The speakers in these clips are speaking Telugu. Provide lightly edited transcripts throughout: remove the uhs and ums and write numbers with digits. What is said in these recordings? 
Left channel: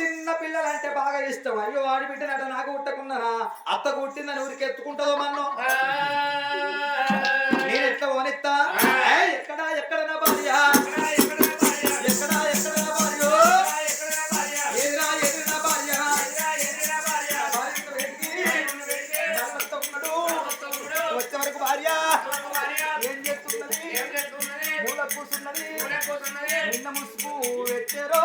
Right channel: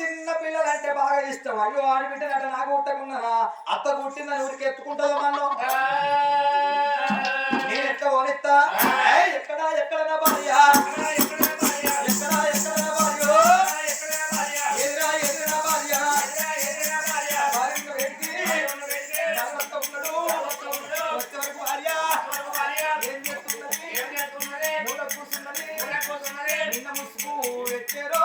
చిన్న పిల్లలంటే బాగా ఇష్టం. అయ్యో ఆడిబిడ్డనట నాకు కుట్టకున్నానా అత్త కుట్టిందని ఊరికి ఎత్తుకుంటుందో మన్నో నేను ఎట్లా పోనిస్తా ఎక్కడ ఎక్కడ నా భార్య ఎక్కడ ఎక్కడ నా భార్య ఎదురా ఎదురు నా భార్య వచ్చే వరకు భార్య ఏం చేస్తున్నది మూల కూర్చున్నది నిన్న ముసుగు ఎచ్చారో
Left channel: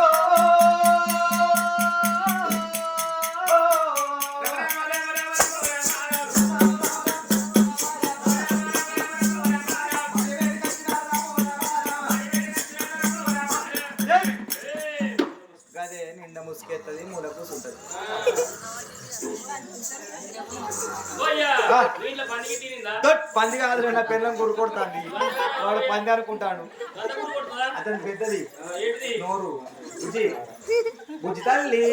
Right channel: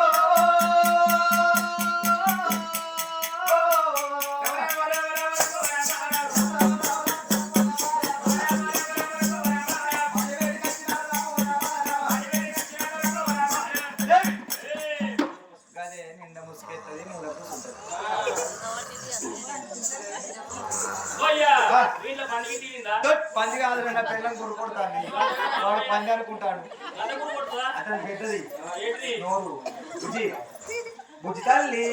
పంది కాదు నా పిల్లం గురు కొడతాను పంది అనుకుంటాను అతను పెద్దది నోరు బుజ్జి బుజ్జి తల్లి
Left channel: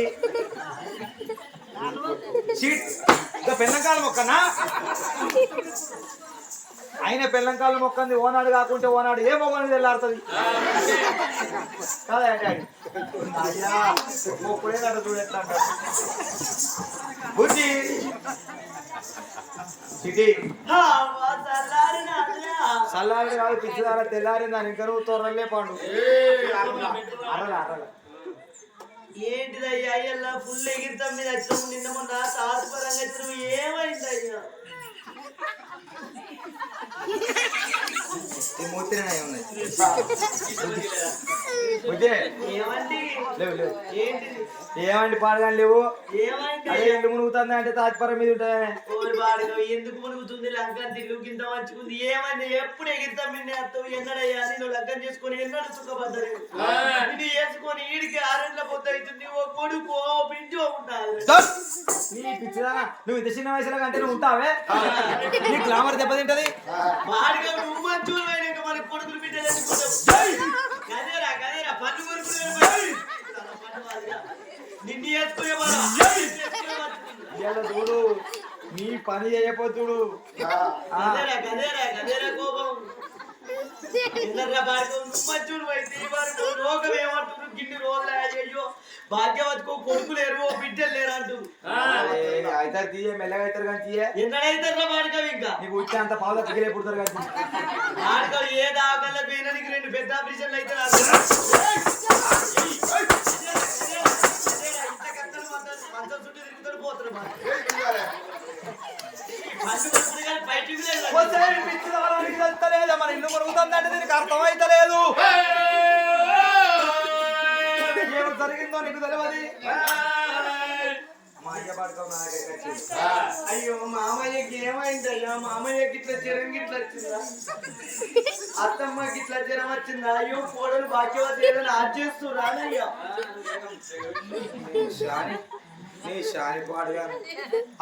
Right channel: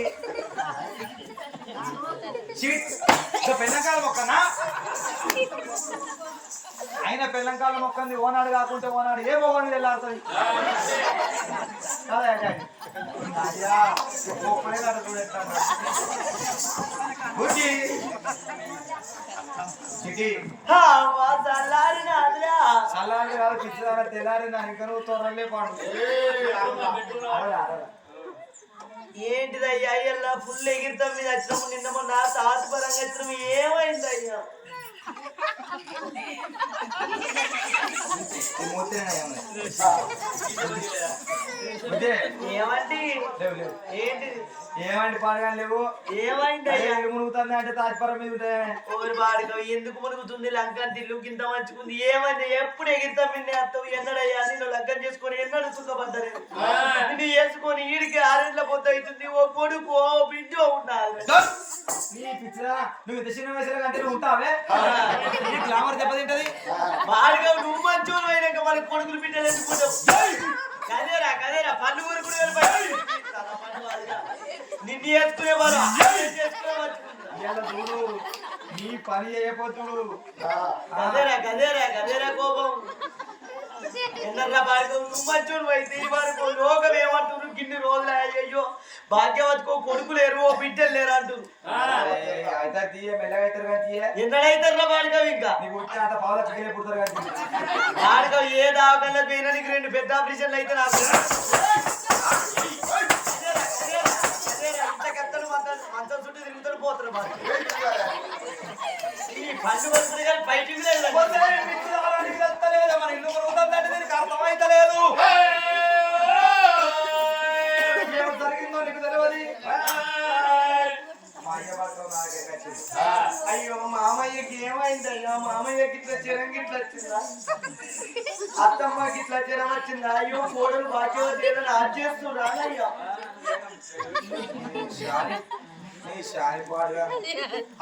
పెళ్ళంకాల మొక్కనా ఆయన పెళ్ళంకాల మొక్కంది ఓనాడు కాకుంటే ఓనాడు ఏ మొగని వెళ్ళాడుతుంది కదా అయ్యా మొక్కుడే నడు చూడెత్తాడు బుజ్జి చల్లారి కాదు పిచ్చిదార తెల్లారిందని ఇంకా నువ్వు త్వరలే పాడు ఏంటిదయ్యా అయ్యల్లా ఫుల్ ఎగిరితం మీద వచ్చినాము నిన్న మొన్న తాత్పరంగా వచ్చినాము ఏమైంది అయ్యా ఏమండి ఏంటిది ఏమండి పాడగాని లేవు ఏమైంది ఎల్లు మునుగుతుంది అంటే తాజ్పరం మీద ఉంటాయి ఎందుకు మునుగుతుంది లంకం తిల్లు కింద మంచుకుంది ఏమైంది ఎప్పుడు ఎగిరితాం నిన్నే అత్తవు ఎన్నడయ్యా నేను లంకం చేసుకొని ఎన్నడు సుఖపడ్డాను నిన్ను వేసుకొని ఈడికి ఆరేళ్ళ పొద్దు అవుతుంది ఓ కొడుకు ఓ బిడ్డ ఉండాలి నువ్వు ఇంత చిన్న వయసులో కంటే నువ్వు ఉంటావే గ్లామర్ దెబ్బతింటది బాగా నువ్వు మంచోళ్ళు అయినాక మన కొడుకులు బిడ్డలు వేసుకుంటావు కదేరా కదేరా పన్ను ఊరుకునే నిన్ను వేసుకునే చూడు నీ పని చేయపోతుడు కదేరా కదేరా కదేరా కోపం ఎందర్లా పాడుకో నువ్వు మంచోళ్ళు అయితే ఈ పాడుకో లోకం ఏమంటున్నారు గిన్ని రోజులు అయ్యో భాగ్యవతికో కొడుకులు లేరు ఓ బిడ్డలు లేరు అంటుంది అయితే తీయ మెల్లగా అవుతారు కానీ తీయ ఎన్నడైతారా బాడుకవి ఇంకా నీకు వచ్చి అంత పావుగా తిరిగే పుడతారు కానీ బాడుకవి ఏ దావకల్లా పోయినానికి 2 పెద్ద ఆపరేషన్లు అయితే మంచం చుట్టూ తిరుగుతాడు పోతారు మన ఇల్లు మరుగుతుందంటే నీకు అర్థమైతలేదు జరిగిందో నీకు తెలియదు మా అయ్య పడతావు నా దగ్గరికి వచ్చింది అయ్యో మామయ్యకి ఏమైంది అయ్యా మామయ్యకి ఇట్లా జ్వరం గిట్లా వచ్చిందా అత్తమ్మకి ఇట్లా జ్వరం వచ్చిందా అయ్యో కోడలు భాగ్యవతి ఏదైనా ఆజ్ చేస్తురా అయ్యా నీ శాని పాడుగాను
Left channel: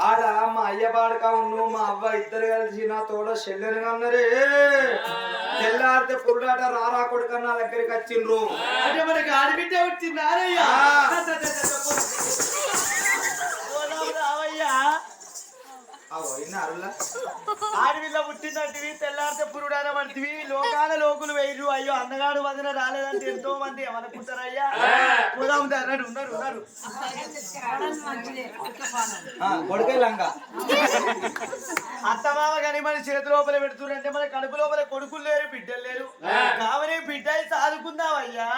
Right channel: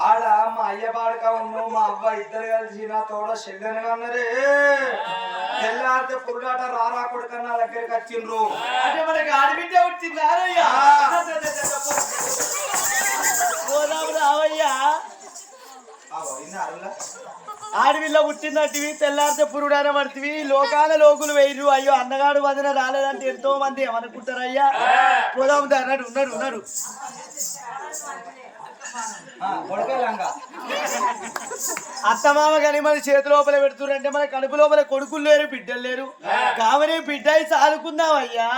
ఆడ మా అయ్య పాడుగా ఉన్ను మా అవ్వ ఇద్దరు కలిసి నా తోడ చెల్లెని అన్నరే తెల్లారితే పురుడాట రారా కొడుకన్నా దగ్గరికి వచ్చిండ్రు అంటే మనకి ఆడబిడ్డ వచ్చిందా అయ్యా ఆడవిల్ల పుట్టినట్టువి తెల్లారితే పురుడాన పడుతుంది లోకాల లోకులు వేయరు అయ్యో అన్నగాడు వదిన రాలేదంటే ఎంతో మంది ఏమనుకుంటారయ్యా పోదాం అన్నాడు ఉన్నాడు ఉన్నాడు అత్తమామ కానీ మన చేతి లోపల పెడుతురంటే మన కడుపు లోపల కొడుకులు లేరు బిడ్డలు లేరు కావని బిడ్డ సాదుకుందాం అయ్యా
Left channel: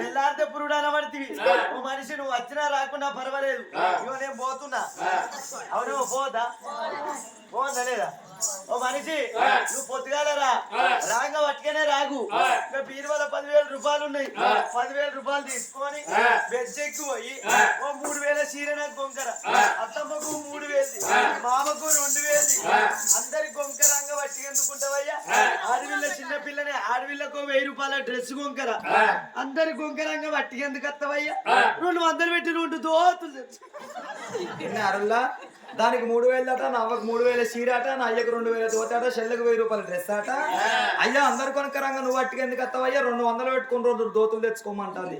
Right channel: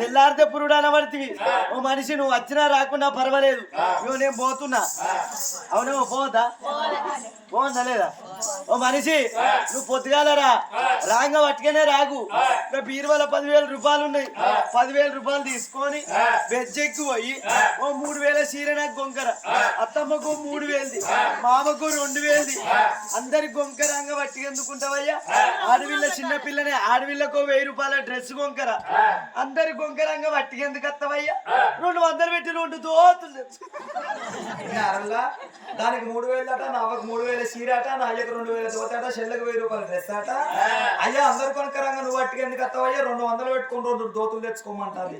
తెల్లారితే పురుడాన పడుతుంది ఓ మనిషి నువ్వు వచ్చినా రాకున్నా పర్వాలేదు ఇవ్వ నేను పోతున్నా అవును పోదా పోందా లేదా ఓ మనిషి నువ్వు పొద్దుగాలరా రాంగ పట్టుకనే రాగు బీరువాల 10,000 రూపాయలు ఉన్నాయి 10,000 రూపాయలు తీసుకొని వెజ్జెక్కి పోయి ఓ 3,000 చీర నాకు గొంకర అత్తమ్మకు 3,000 మామకు 2,000 అందరి గొంకరంగా పట్టుకెందుకుంటావయ్యా ఆడవిల్ల చిన్న పిల్లనే ఆడవిల్లకు 1,000 రూపాయల డ్రెస్ గొంకర అందరి గొంకరంగా పట్టుకెందుకు వస్తావయ్యా 200 పెట్టి 2 దోతులు దానికి 3000 అట, నవ్వకు 3000 చీరాట, నా అయ్యకు 2000 దోతాట, చెల్లెకు 1000 రూపాయల డ్రెస్ అట. అయ్యా అందరు కొనకరంగా నువ్వు అట్టుకు ఎందుకు అత్తవయ్యా, 200 పెట్టుకుని 2 దోతులు తెచ్చుకోమంటాది.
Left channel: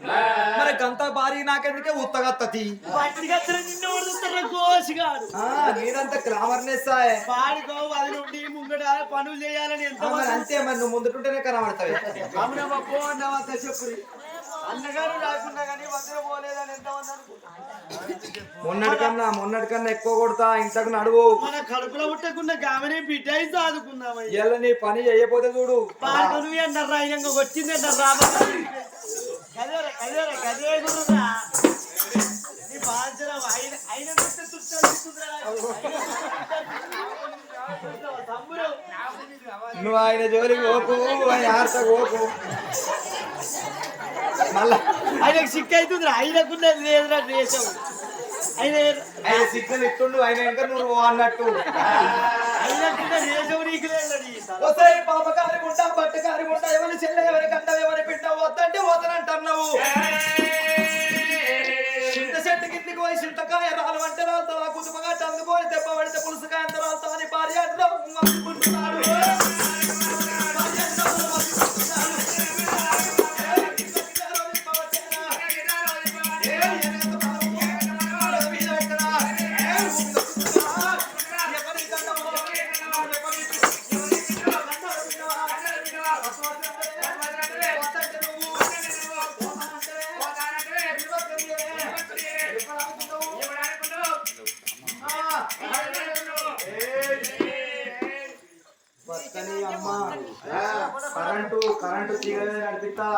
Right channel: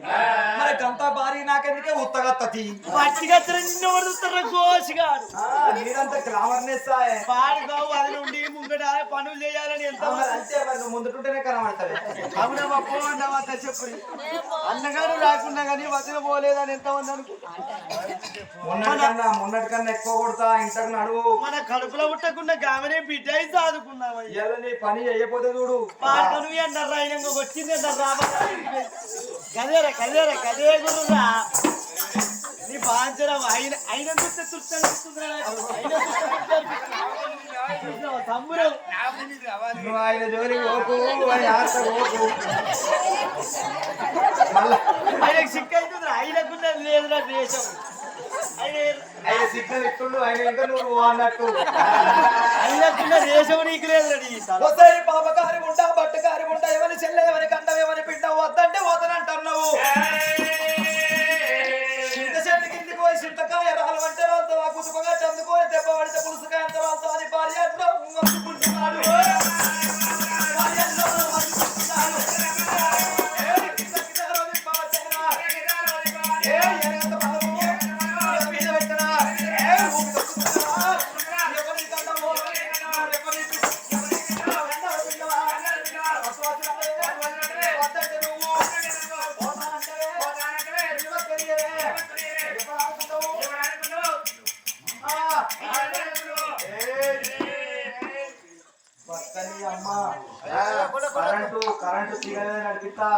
మరి గంతా భారీ నాకెందుకే ఉత్తగత్తతి నీదంతా గ్లామర్నెస్ పాడుకో అది నుండి ముంగట పనులు చేయాలని ఎంత అంతే. మరి నువ్వు ముందుంటేనే కనబడతావు. అవునా బాబు అన్నావా చెప్పు అన్నగారు రాకున్నా కానీ వదిన పోలేదని ఎంతమంది మొన్నటికన్నా ఎక్కువ కొడతా. ఇంతకు నడువు. మన కడుపులో పుట్టకుండా గామనే బిడ్డ అయి సాదుకున్నావయ్యా. నీ పని చేయకపోతే చూడు. పాడుకను అన్నారు ఆయన వచ్చింది అన్నారు రాబా కదేరా కదేరా కదే నీ బాధ్యరం అయిన అయిన నువ్వు ఆయన జోలి పోకు, పోకు. మళ్ళా ఆయనకు సిక్ అవుతుంది. ఆయనకున్న లేదురా దేశం. ఆయన సిగ్నల్ ఇస్తుండు. ఆయన ఇంకా నువ్వు అన్నట్టు ఆయనకున్న దేశం నీకు లేదు. పాపకారి ఉంటా, బట్టుకారి ఉంటా, ఎవరి చెల్లె ఎవరి కంట ఎవరి పిట్ట వద్దంటే వద్దనంటున్నావు. చింత చెట్టు కిందికి పోయి చింతకాయ రాలు అంటే రాలుతా, కుతుపగట్టు అందుకొని దెబ్బ పడితే పులుసుకాయ అంత రాలుతా అని భార్య మర్చిపోతున్నాడు. కరెంటు తీగలే నడిపిస్తా.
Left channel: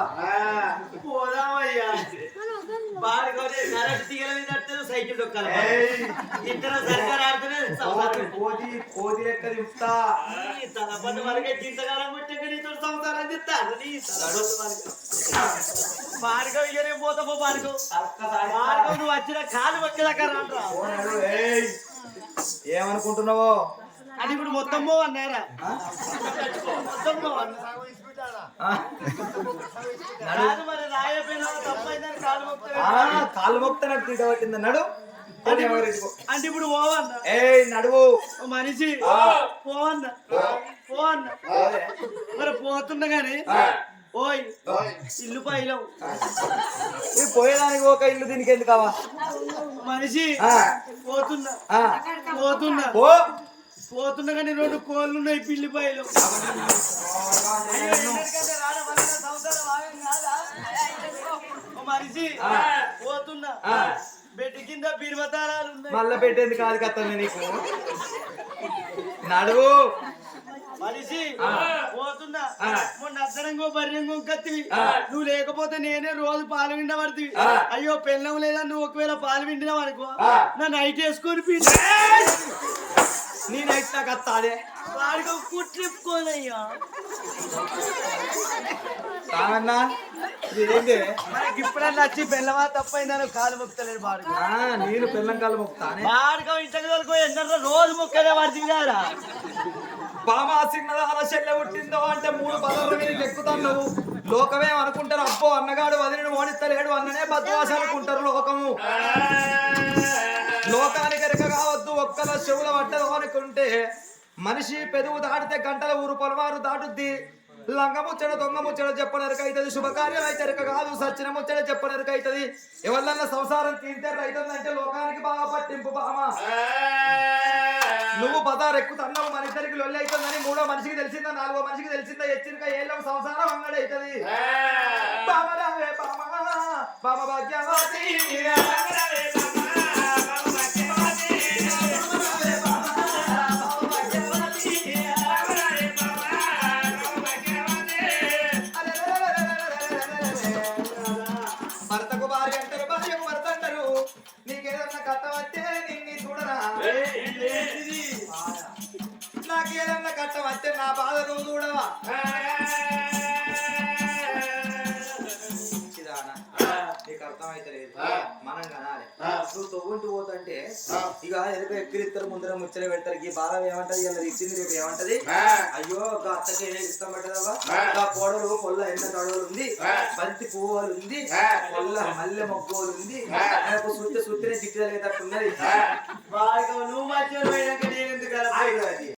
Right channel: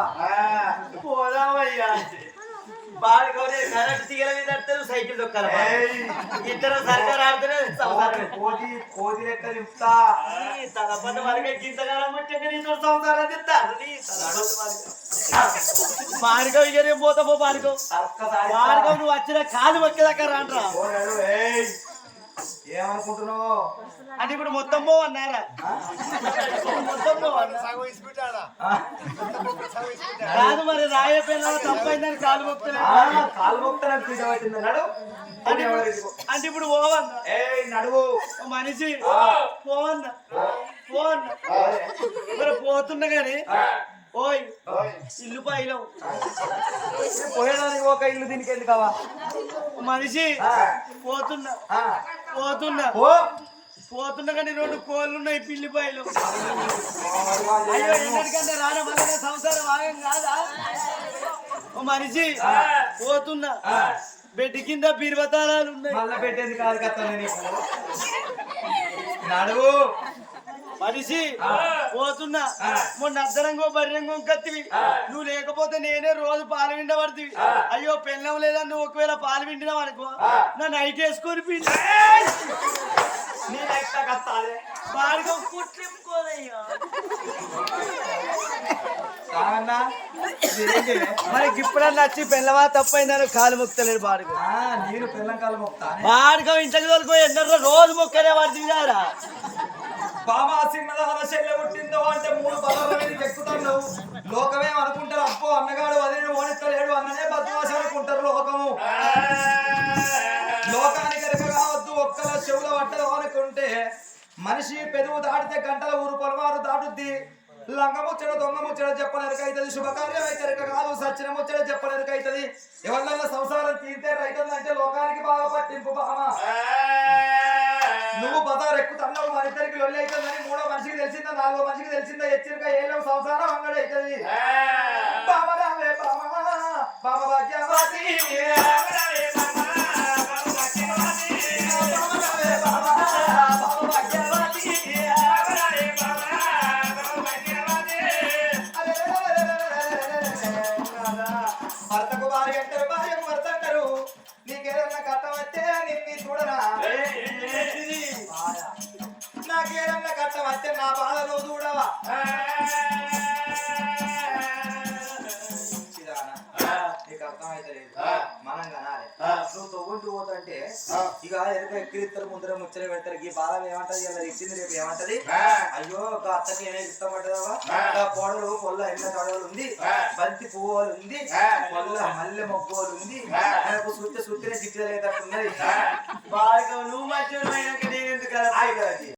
పోదామయ్యా బాడుకోతే కరెంట్ తీగల మీద నడుతారు, సైకిల్ దొక్కాలి. ఇద్దరు సర్కారు ఆడుతున్నారు. కోతి లెక్క దింపుతా. తలపంట వరకే గింతకాలం పట్టే నీతో సంసారం చెప్తాను. బాడుకో ఇక నేను పోతా పో. బాడుకో నువ్వు వచ్చిన కాలు వచ్చేదాకా రాండ్రా. ఏమనుకుంటున్నావో అది ఇప్పుడు మొత్తం పో అన్నారా? మొత్తం పో అన్నా కాదు. మరి రాయపోయినా తప్పైందని కాలు మొక్తానని తీట నడు. అంటే ఇప్పుడు పోవన్నా నడువు మనిషి పోవన్నా పోవన్నా. మరి పోతున్నా గాని ఓయ్ ఇల్లు పైలవు పోయేదానికి ఒక ఇల్లు దీనికి ఎందుకు కావా? మనిషి పోతున్నా పోతున్నా పోతున్నా కానీ 2 కోళ్ళు ఉన్నాయి పిల్లిపాయలు. మనిషి పోతున్నా బెడ్ కింద బీరువతారాలు ఉన్నాయి. మళ్ళా పెట్టేది కాదు కదా నీకు. నడువు మనిషి పోతున్నా. మొన్న అద్దరంగో బర్రెంగో కత్తివి. నువ్వు లేకపోతే నేనే రోజు పాలు విండబడుతుంది. అయ్యో పెళ్ళం లేదా నువ్వు ఒకవేళ పాలు విండినావు అనుకో నా నైట్ వేసుకొని పిండి నేను ఎట్లా కత్తాలి వాడికి కుట్లిప్పుకోదయ్యా. మనకి ఇప్పుడన్నా వచ్చి పెళ్ళవా తప్పైందని కాలు మొక్కలేడు బాడుకో. నేను పెళ్ళం కాలు మొక్తాను. బాడుకో ఇంటికి వరకు ఎందరో రోజు మొక్కలే పడుతుంది కదా. బామా సిన్నదాల చెల్లె పుట్టిందో అంటే 3 పదాల మీదకి ఎక్కుతాను. నువ్వు లోకమే అనుకుంటారు. అబ్బో అన్నగాడు వదిలిని ఓడిస్తలేడు అన్ననే బద్వాస అనుకుంటారు లోకము. లోకానికి ఎరక కావద్దు. ఒక్కల చెవుల పట్టదు అనుకుంటే మనిషి పెరుగు దాటితే గంటల ఊరు పొలవారు దాటుద్ది. లంగ ముచ్చట దొంగ ముచ్చట చెప్పనెరక అవుతుంది. శుభకార్యం అయితే ఎరక కాదు. సచ్చిన ముచ్చట చెప్పనెరక అవుతుంది. ఎవరన్నా సంసారం తీస్తే రైతుందంటే లోకానికి బాగా పట్టింపు బామ. నువ్వు బజార్ ఎక్కుతున్నావు. మన ఇద్దరికి లొల్లి అవుతుందని 3వ మనిషికి తెలిసిందా, 4వ మనిషికి తెలిసిందా, ఎచ్చినక ఏళ్ళ సంసారం అంగడైతుంది. బామ రావే బామ బామ భాగ్యవతి భర్తకు భార్య అంటారు, భార్యకు భర్త అంటారు. నీకేదన్నా కట్టం వస్తే నిన్ను చూడరా. నాకేదన్నా కట్టం వస్తే నా బాధ నువ్వు చూడవా. నీకు అర్థం అయితే లేదు మనం కనాలి నువ్వు తొవ్వుంటూ పోతుంటే ఇక ఎదుక ఎక్కిరిస్తారు ముందర ముచ్చట పెడతారు ఈ బాధ ఏమంటది ఇలా ఇచ్చింది రేపు ఏమంటది అయ్యో ఒక అత్తకి ఏమే ఇష్టం పడ్డదవా పొడలు పొల్ల ఎండ తడవలు ఉంది బంతి పువ్వులు ఉంది పొల్ల మల్లె మొగ్గోలు ఉంది ఆయనకు సుత్తినే చిట్టి తగ్గేటట్టున్నది బాగా నువ్వు మధ్యలో అయినాక నేను ఎందుకు